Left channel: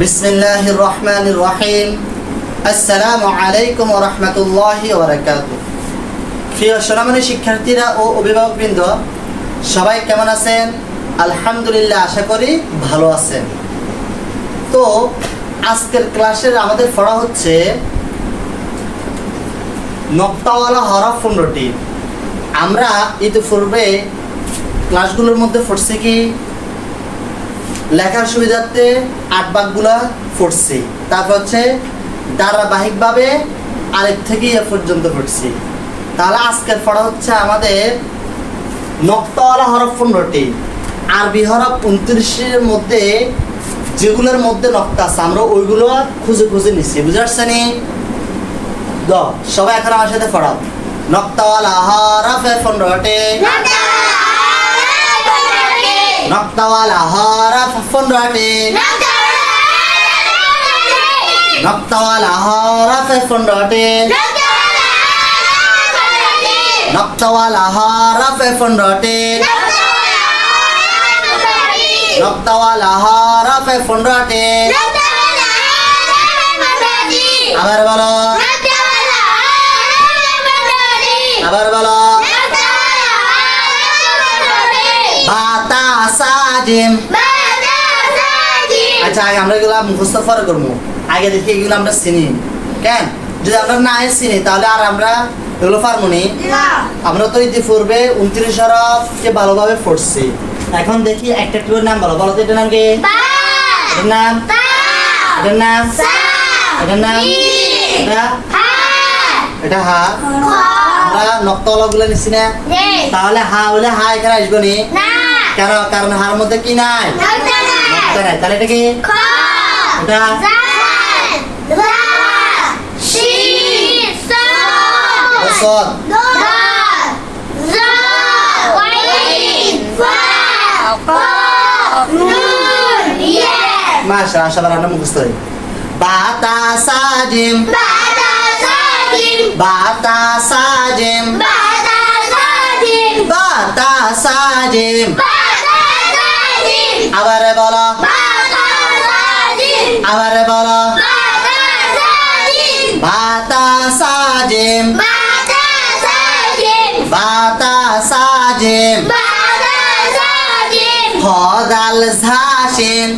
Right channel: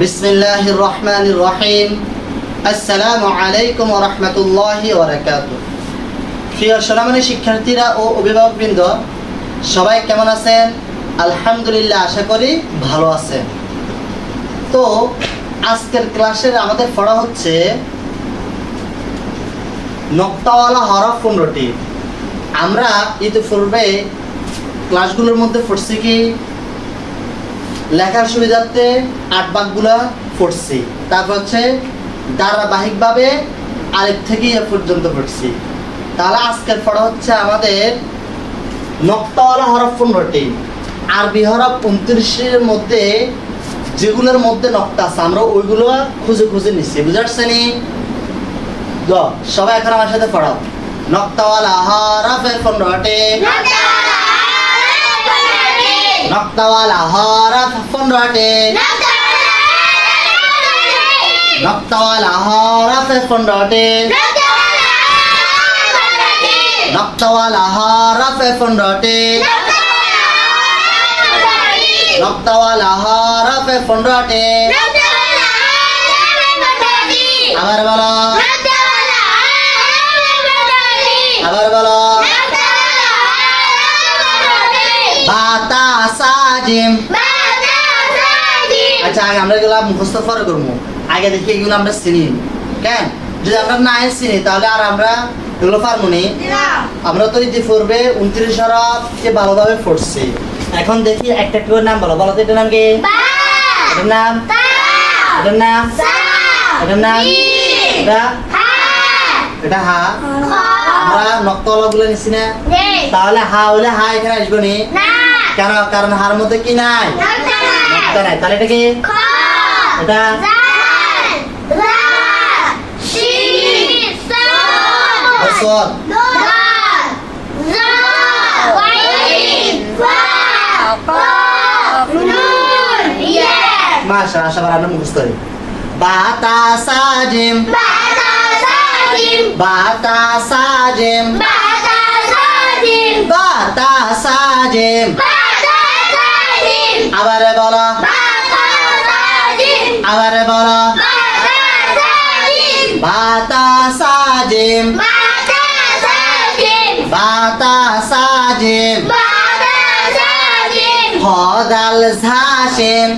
বিসমিল্লাহির রহমানির রহিম। আসসালামু আলাইকুম ওয়া রাহমাতুল্লাহি ওয়া বারাকাতুহু। প্রিয় সোনামণি শিক্ষার্থীরা ও অভিভাবকবৃন্দ, সবাই কেমন আছেন? আলহামদুলিল্লাহ, আশা করি ভালো আছেন। তো আজকের ক্লাসের আমাদের পড়া হচ্ছে নক্তাওয়ালা হরফ 15টি। আমরা ইতিপূর্বে ক্লাসগুলোর মধ্যে পড়ছি কি লেখার সুবিধার্থে 8 ভাগগুলা পড়ছি, তারপর হচ্ছে ধারাবাহিকভাবে আরেক থেকে এ পর্যন্ত পড়ছি। তাহলে আজকের পড়া হচ্ছে আমাদের নক্তাওয়ালা হরফ 15টি, আরবি হরফ 29-এর মধ্যে যেগুলোর মধ্যে নক্তা আছে আমরা ওইগুলো খুঁজে খুঁজে নিচ্ছি। বুঝতে পারছেন? সবাই এখন আমার সাথে পড়াও। নক্তাওয়ালা হরফ 15টি, নক্তাওয়ালা হরফ 15টি, নক্তাওয়ালা হরফ 15টি, নক্তাওয়ালা হরফ 15টি, নক্তাওয়ালা হরফ 15টি। আবার বলো, আবার বলো। বাতা সাজিম। আচ্ছা, আগে আমরা এগুলো মুখস্থ করে করবো। আগে দেখি এগুলো আমরা চিনি কেন? যদি আমরা না চিনি তাহলে আর আমরা এগুলো পারবো নি। আমরা তো ইতিপূর্বে 29 হরফকে ভালোভাবে পড়ছি। এখন দেখি একটা করে নাম বলো। বলো তো এটার নাম কি? এটার নাম, এটার নাম, এটার নাম, এটা হা। আমরা নক্তাওয়ালা গুলো নিচ্ছি না, তাহলে হা হলে হা এখানে আসবো নি কেন? কারণ হার মধ্যে কি নাই? নক্তা নাই। তাহলে এটা কি? এটা বসত। মাশাআল্লাহ, আশাবার আমরা মুখস্থ করি। বাতা সাজিম, বাতা সাজিম, বাতা সাজিম। আবার বলো, আবার বলো। বাতা সাজিম, বাতা সাজিম। খদাল ঝাসিন,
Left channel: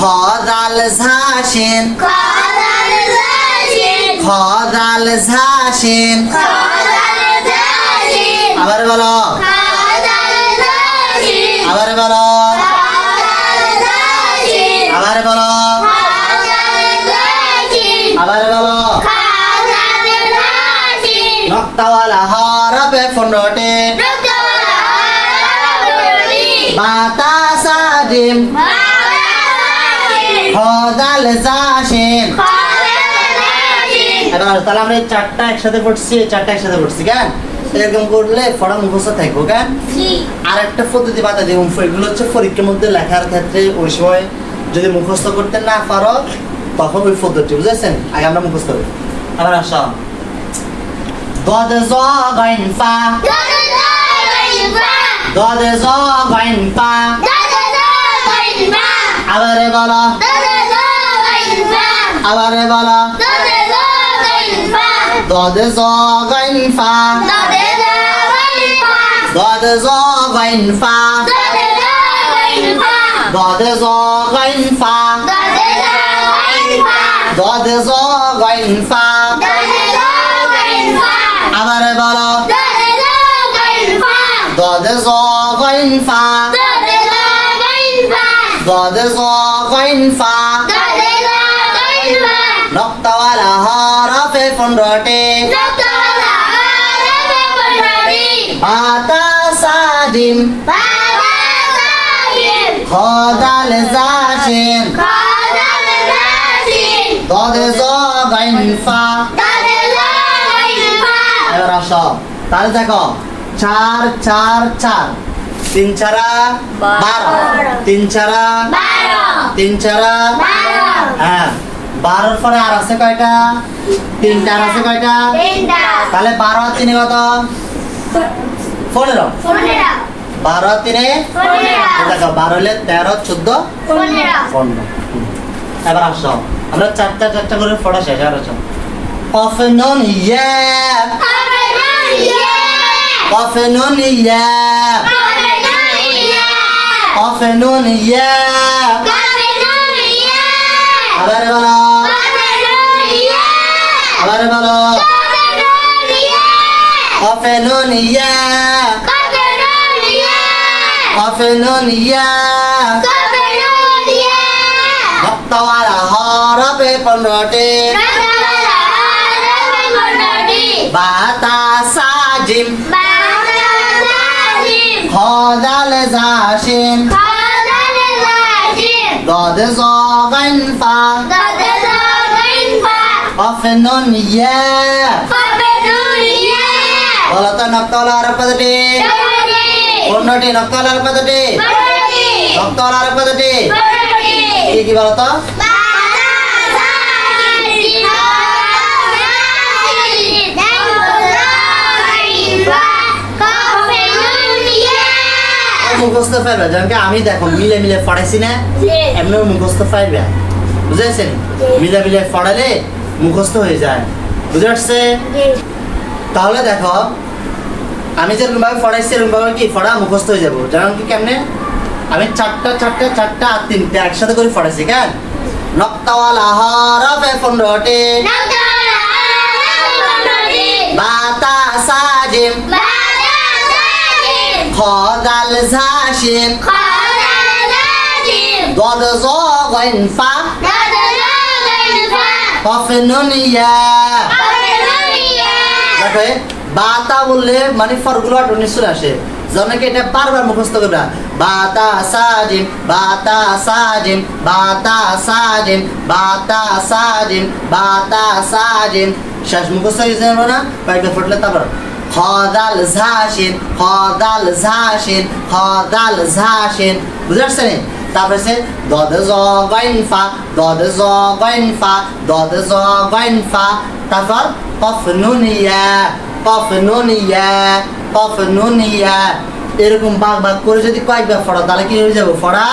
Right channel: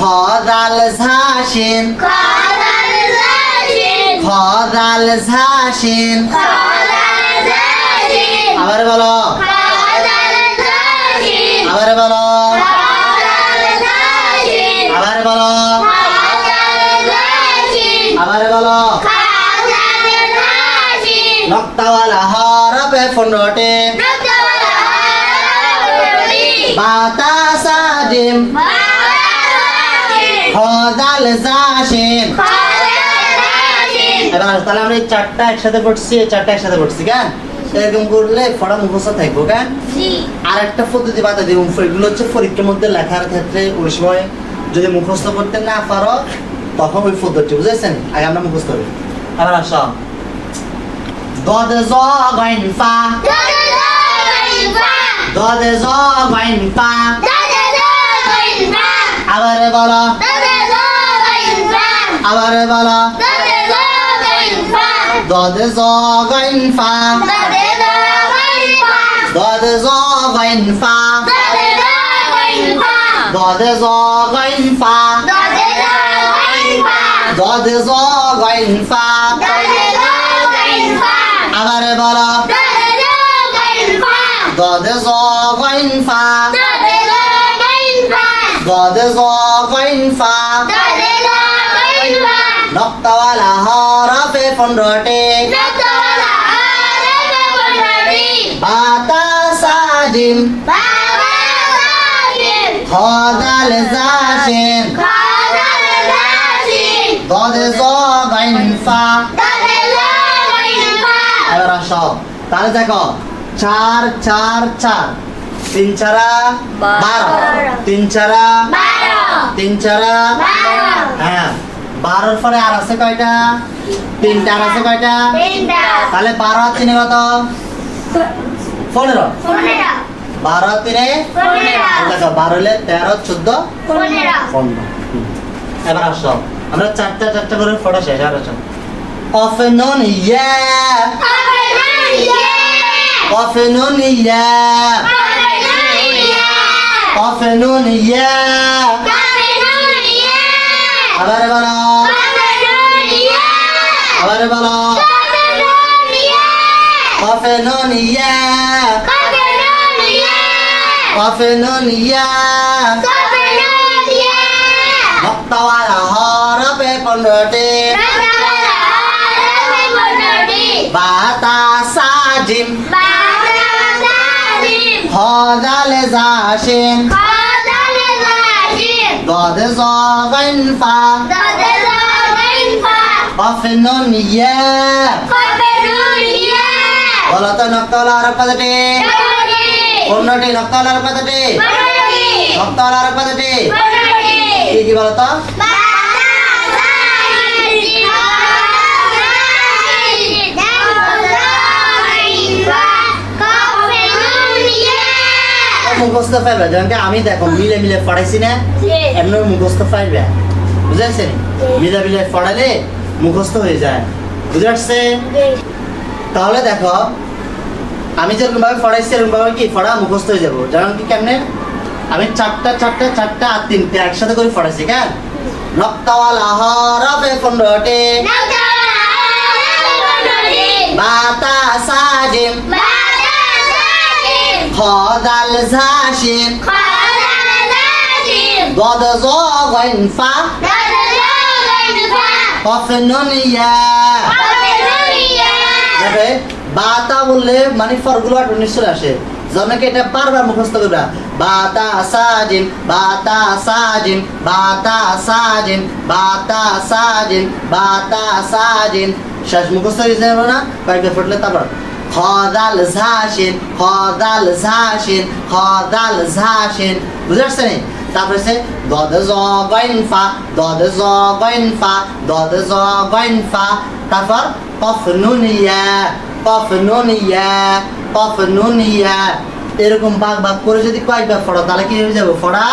খদাল ঝাসিন, খদাল ঝাসিন। আবার বলো, আবার বলো, আবার বলো, আবার বলো। নক্তাওয়ালা হরফ 15টি, বাতা সাজিম, খদাল ঝাসিন। তাহলে আমরা এই চারটা একসাথে পড়ছি, এই চারটা একসাথে পড়ছি কেন? এরকম করলে পড়া মুখস্থ থাকবো কেন? আর একটা পদ্ধতি বাতা দিব। এগুলো হচ্ছে পরীক্ষার মধ্যে লেখার ক্ষেত্রে ওই সময় যদি মুখস্থ করতে না পারো তখন ওই পদ্ধতি, বুঝেছেন? আগে আমরা মুখস্থ করি। আবার আসো, দদ জ গাইন ফা, দদ জ গাইন ফা। আবার বলো, আবার বলো। দদ জ গাইন ফা, দদ জ গাইন ফা, দদ জ গাইন ফা, দদ জ গাইন ফা। আবার বলো, দদ জ গাইন ফা, দদ জ গাইন ফা। নক্তাওয়ালা হরফ 15টি, বাতা সাজিম, খদাল ঝাসিন, দদ জ গাইন ফা। এবার আসো, তাহলে দেখো 4 4 4, 3 4 12, 3 4 3 4 হ্যাঁ 12 পরে আর আছে কয়টা? 3টা। আর আছে কয়টা? 3টা। তাহলে 12 আর 3 কত? 15। 12 3 দেখো 12 হলে 13 14 15 এবার আসো আমরা চারটা করে পড়া শেষ আর আসো কফনুন ইয়া কফনুন ইয়া কফনুন ইয়া আবার বলো আবার বলো কফনুন ইয়া কফনুন ইয়া নক্তাওয়ালা হরফে 15টি বাতা সাজিম খদাল জাসিন গদ জগন ফা কফনুন ইয়া বলো তো নক্তাওয়ালা হরফ কতটি 15টি নক্তাওয়ালা হরফ কতটি নক্তাওয়ালা হরফ কতটি কি বলো তো মুখস্থ পাইবে যেমন আমি দেখো মিলে মিলে পড়াইছি না এমনি মুখস্থ পাইবে বুঝেছেন মিলে মিলে পড়ালে মুখস্থ হয়ে যায় বুঝে আসছে তাহলে দেখো আমি যেরকম ভাবে পড়াইছি এরকম ভাবে কি পড়া মুখস্থ হয়ে যাবো যেমন কি কেমনে আমি চারটা আর তিনটে একসাথে করে পড়াইছি কেন নক্তাওয়ালা হরফে 15টি বাতা সাজিম খদাল জাসিন গদ জগন ফা কফনুন ইয়া দেখো বাতা বললে মানে ফরগুলো নিশ্চয় আসে জনকে এটা বারবার মুখস্থ করবা বাতা সাজিম বাতা সাজিম বাতা সাজিম বাতা সাজিম বাতা সাজিম শেষ মুখস্থ হয়ে যাবে না কয়েকবার ফুটলে তারপর খদাল জাসিন খদাল জাসিন খদাল জাসিন বুঝতে পারছেন তারপরে সে দদ জগন ফা দদ জগন ফা দদ জগন ফা তারপর কফনুন ইয়া কফনুন ইয়া কফনুন ইয়া এরকম ভাগ ভাগ করে যদি কয়েকবার পড়ো তাহলে কি হয়ে যাবে পড়া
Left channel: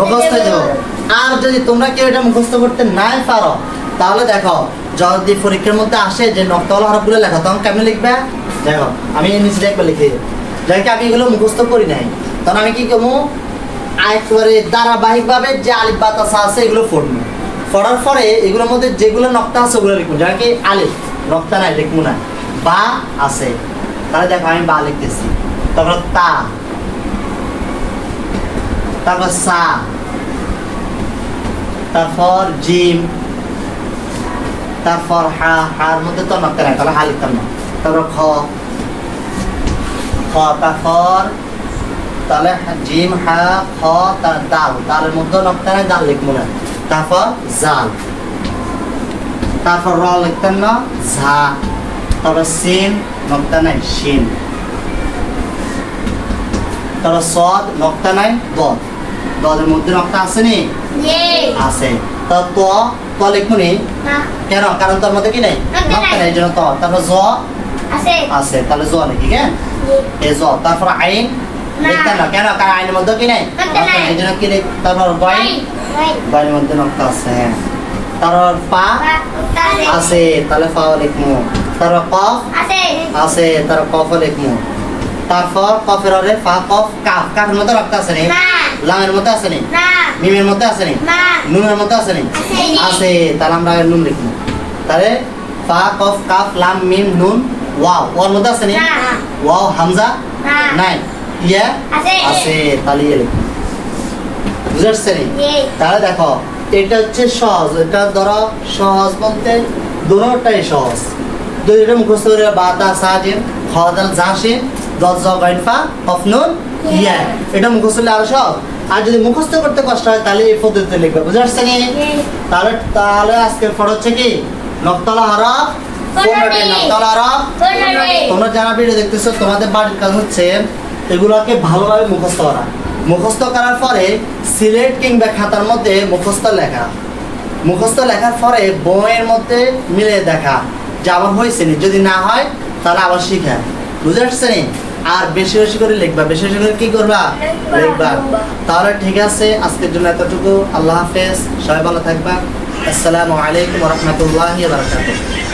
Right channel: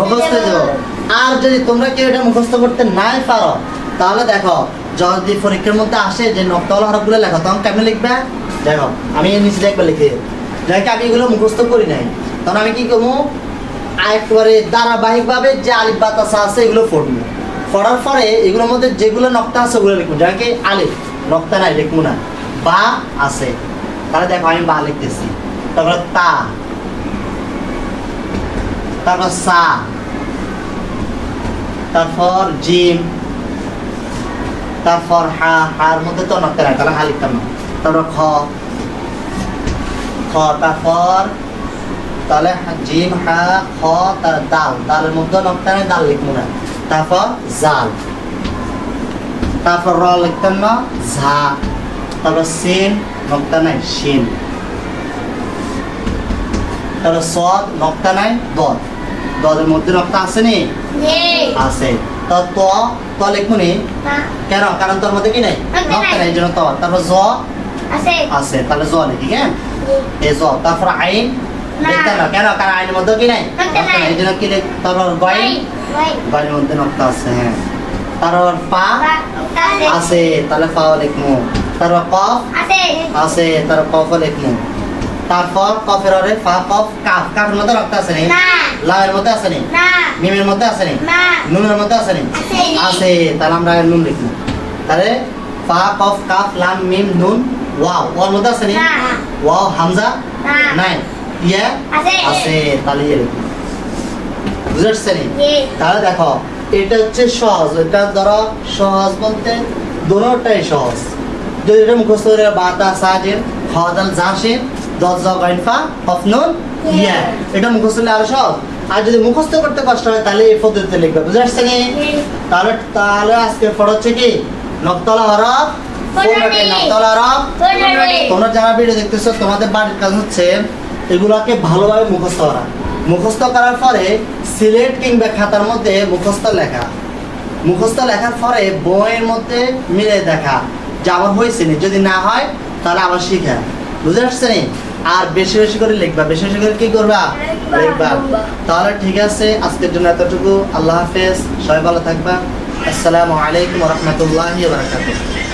মুখস্থ হয়ে যাবে আর যদি তোমরা কেউ এটা মুখস্থ করতে নাই পারো তাহলে দেখো যদি পরীক্ষার মধ্যে আসে যে নক্তাওয়ালা হরফগুলো লেখো তখন কেমনে লিখবে দেখো আমি নিচে একবার লিখে যাই আমি এগুলো মুখস্থ করি নাই তখন আমি কি করবো একবারে ধারাবাহিক ভাবে যে আলিফ বাতাসা আছে এগুলো পড়বো পড়ার পরে এগুলোর মধ্যে যেগুলো নক্তা আছে ওগুলো লিখবো যাকে কি আলিফ নক্তা নাই লিখবো না বা আছে তাহলে দেখো আমি বা লিখতেছি তারপর তা তারপর সা তারপর জিম তারপর হা হার মধ্যে তো নক্তা নাই তাহলে হা লিখতাম না তারপর খ খ তারপর তাহলে জিম হা খ দাল দালের মধ্যে নক্তা নাই দাল লিখবো না তারপর জাল তারপর র লিখতাম না ঝা তারপর সিন নক্তা নাই শিন তারপর সদ নক্তা নাই দদ দদের মধ্যে নক্তা আছে নি আছে তো লিখবো নি কেন কারণ তোর মধ্যে কি নাই নক্তা নাই এই জন্য তো তারপর জ আছে তাহলে জ লিখি হ্যাঁ এই জ তারপর আইন লিখতাম না কেন কারণ আইনের মধ্যে কি নাই নক্তা নাই এই জন্য কি লিখ তারপর বাইন বাইনের মধ্যে নক্তা আছে হ্যাঁ তারপর পা আছে তাহলে পা লিখবো তারপর কফ আছে তারপর কফ লিখবো তারপর কফের আরে ফা কফ কাফ কাফের মধ্যে নক্তা আছে নি লামের মধ্যে আছে নি মিমের মধ্যে আছে নি নুনের মধ্যে আছে নি আছে তাহলে আমরা নুন লিখবো তাহলে ফা কফ কাফ লাম মিম নুন ওয়াও ওর মধ্যে আছে নি ওয়াও হামজা নাই ইয়া আছে তাহলে ইয়ে লিখবো বুঝতে নি তাহলে দেখো এটা হচ্ছে সহজ এটা ধরো সহজ বলতে দুটোটাই সহজ যদি এটা মুখস্থ করে বাতা সাজিম খদাল জাসিন দদ জগন ফা কফনুন ইয়া এটা মুখস্থ করলে আরো সহজ আর যদি মুখস্থ করতে কষ্ট হয় তাহলে এই পদ্ধতিতে লিখবে বুঝতে পারছেন তাহলে তাহলে আজকে পড়া হচ্ছে কি নক্তাওয়ালা হরফ 15টি নক্তাওয়ালা হরফ 15টি তোমরা যারা ভিডিও দেখতেছো তোমাদের বাড়ির কাজ হচ্ছে এগুলোকে ভালোভাবে মুখস্থ করা মুখস্থ করার পরে সিলেট কিংবা খাতার মধ্যে মুখস্থ লেখার পরে বইয়ের মধ্যে মিলে দেখা যে আবার হয়েছে নি যদি না হয় তাহলে আবার শিখা বুঝতে পারছেন আর বেশি বেশি করে লিখবা, বেশি বেশি করে কি করবা, লিখবা। তাহলে ঠিক আছে, আজকের জন্য এতটুকু। আল্লাহ হাফেজ, সবাই ভালো থাকবা। আসসালামু আলাইকুম ওয়া রাহমাতুল্লাহি ওয়া বারাকাতুহু।